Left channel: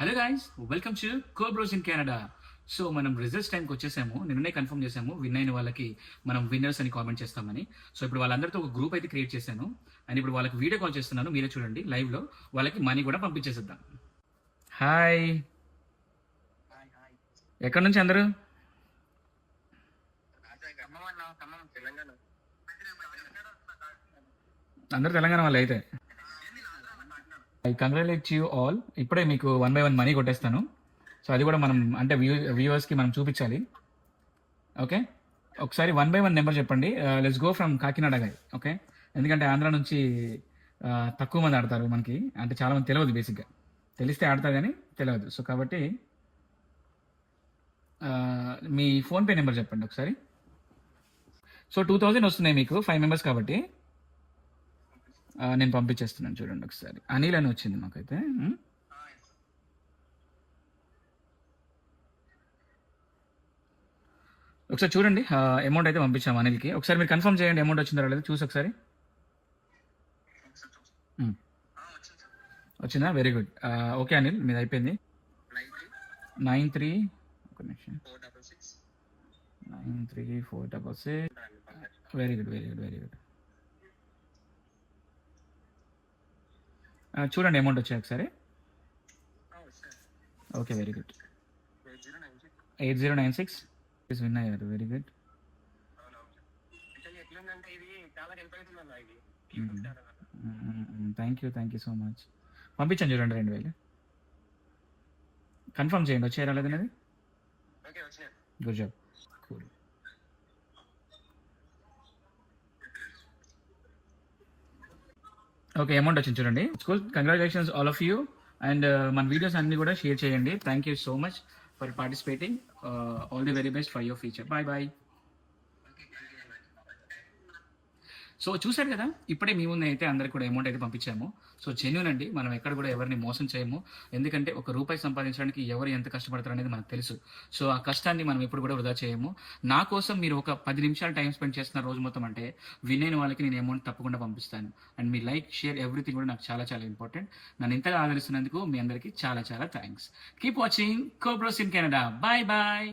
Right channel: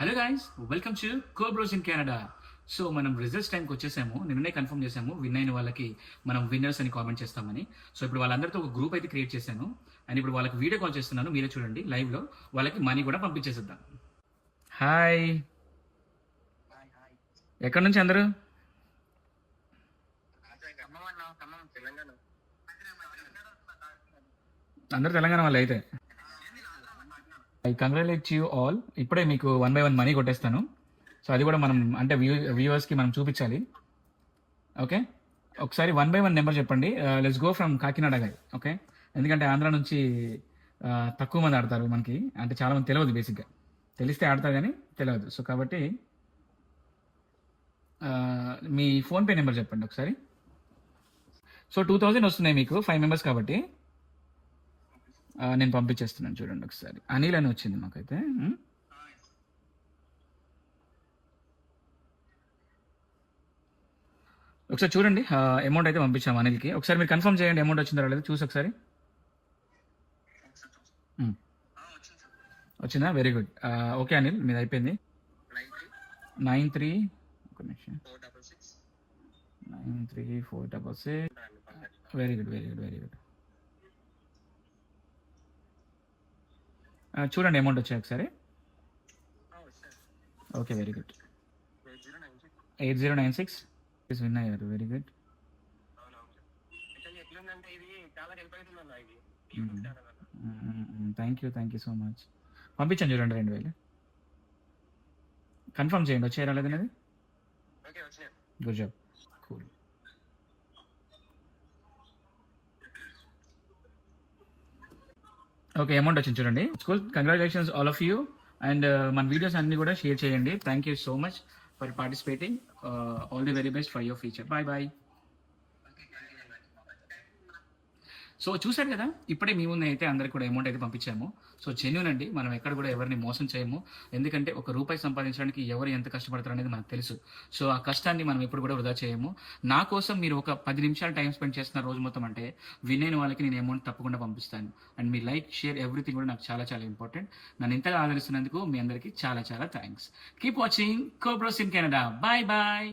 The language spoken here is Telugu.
Hello guys, welcome to Cobros in Canada. So మనం రిజల్ట్స్ టైంకి వచ్చేసాము. నిన్ననే కన్ఫర్మ్ చేసాము విన్ అయిన వాళ్ళకి మనం విన్నర్స్ అని కామెంట్ చేస్తామని. సో ఇప్పుడు వాళ్ళందరితో ఒక గ్రూప్ అయితే క్రియేట్ చేశాను అండ్ ఇప్పుడు వాళ్ళకి వీడియో కాల్ చేస్తున్నాను. మీరే చూడండి లైవ్ లో. వాళ్ళకి మనీ కూడా పంపించేసిద్దాం. హాయ్, ఎక్కడి నుంచి అందరూ? అందరు తెలంగాణ వాళ్ళు అయితే. I congratulate you all. ఇప్పుడే మీకు 1 by 1 మనీ కొట్టేస్తాను. సో అది కూడా మనం అంటే వ్యూవర్స్కి మనం చూపించాలి. ఓకే, ఒకసారి 1 by 1 నెంబర్ చెప్పండి. లెట్స్ గో ఫ్రమ్ కాకినాడ గారి. ఓకే, ఎందుకంటే ఆంధ్ర నుంచి తక్కువ మంది ఆడతారు మనకి, అంటే చాలా మంది తెలియదు. బేసిక్గా తెలిస్తే ఆడతారు కానీ తెలియదు. సో కాబట్టి మీ ఫోన్పే నెంబర్ చెప్పండి ఒకసారి. సో 2000 వస్తున్నాయి మీకు 5 మెంబర్స్ కాబట్టి. నేను పంపించేస్తున్నాను చూడండి ఒకసారి. అనిల్ అని వచ్చింది నాకైతే. ఒకసారి చూడండి, అమౌంట్ అయితే పంపించాము అనిల్కి. ఒకసారి మీరు కన్ఫర్మ్ చేయండి అమౌంట్ వచ్చిందా రాలేదు చూసి ఒకసారి. వచ్చిందా? Very good. ఓకే అనిల్, మీది అయిపోయింది. 93 93466. Very good, very good, very good. చూడండి అమౌంట్ వచ్చింది ఒకసారి. Okay, very good. 8096 is win అయ్యారు. Very good. Thank you so much. పంపించండి చూడండి 2000. కన్ఫర్మ్ చేయండి వచ్చారా లేదనేది. Good job. Cool. Okay, amount వచ్చింది చూడండి. Cool, congratulations all of you. And మన వీడియోస్ అన్ని కూడా షేర్ చేయండి. Thank you so much for participating. All the very best for your future. Bye bye. So చూసారు కదా, ఇప్పుడే మీ ముందు అయితే అందరికి కూడా అమౌంట్ అయితే పంపించాము. సో జెన్యూన్ అండి, మనం ఎక్కడ కూడా ఎవరిని మోసం చేయము. ఎందుకంటే ₹1 సంపాదించడానికి ఎవరు ఎంత కష్టపడతారు అనేది మనకు తెలుసు. సో ఆ కష్టాన్ని మనం ఇప్పుడు కూడా వృధా చేయము. నా కోసం మీరు ఒక 10 నిమిషాలు టైం స్పెండ్ చేస్తున్న రోజు మొత్తం అంటే విన్ అయిన వాళ్ళకి నేను అమౌంట్ తప్పకుండా పంపిస్తాను. And me like, share, everything కూడా నాకు చాలా చాలా ఇంపార్టెంట్. నేను ఇంతగా ఆదరిస్తున్నందుకు మీ అందరికీ చాలా చాలా thanks. Keep watching Cobros in Canada. Bye bye.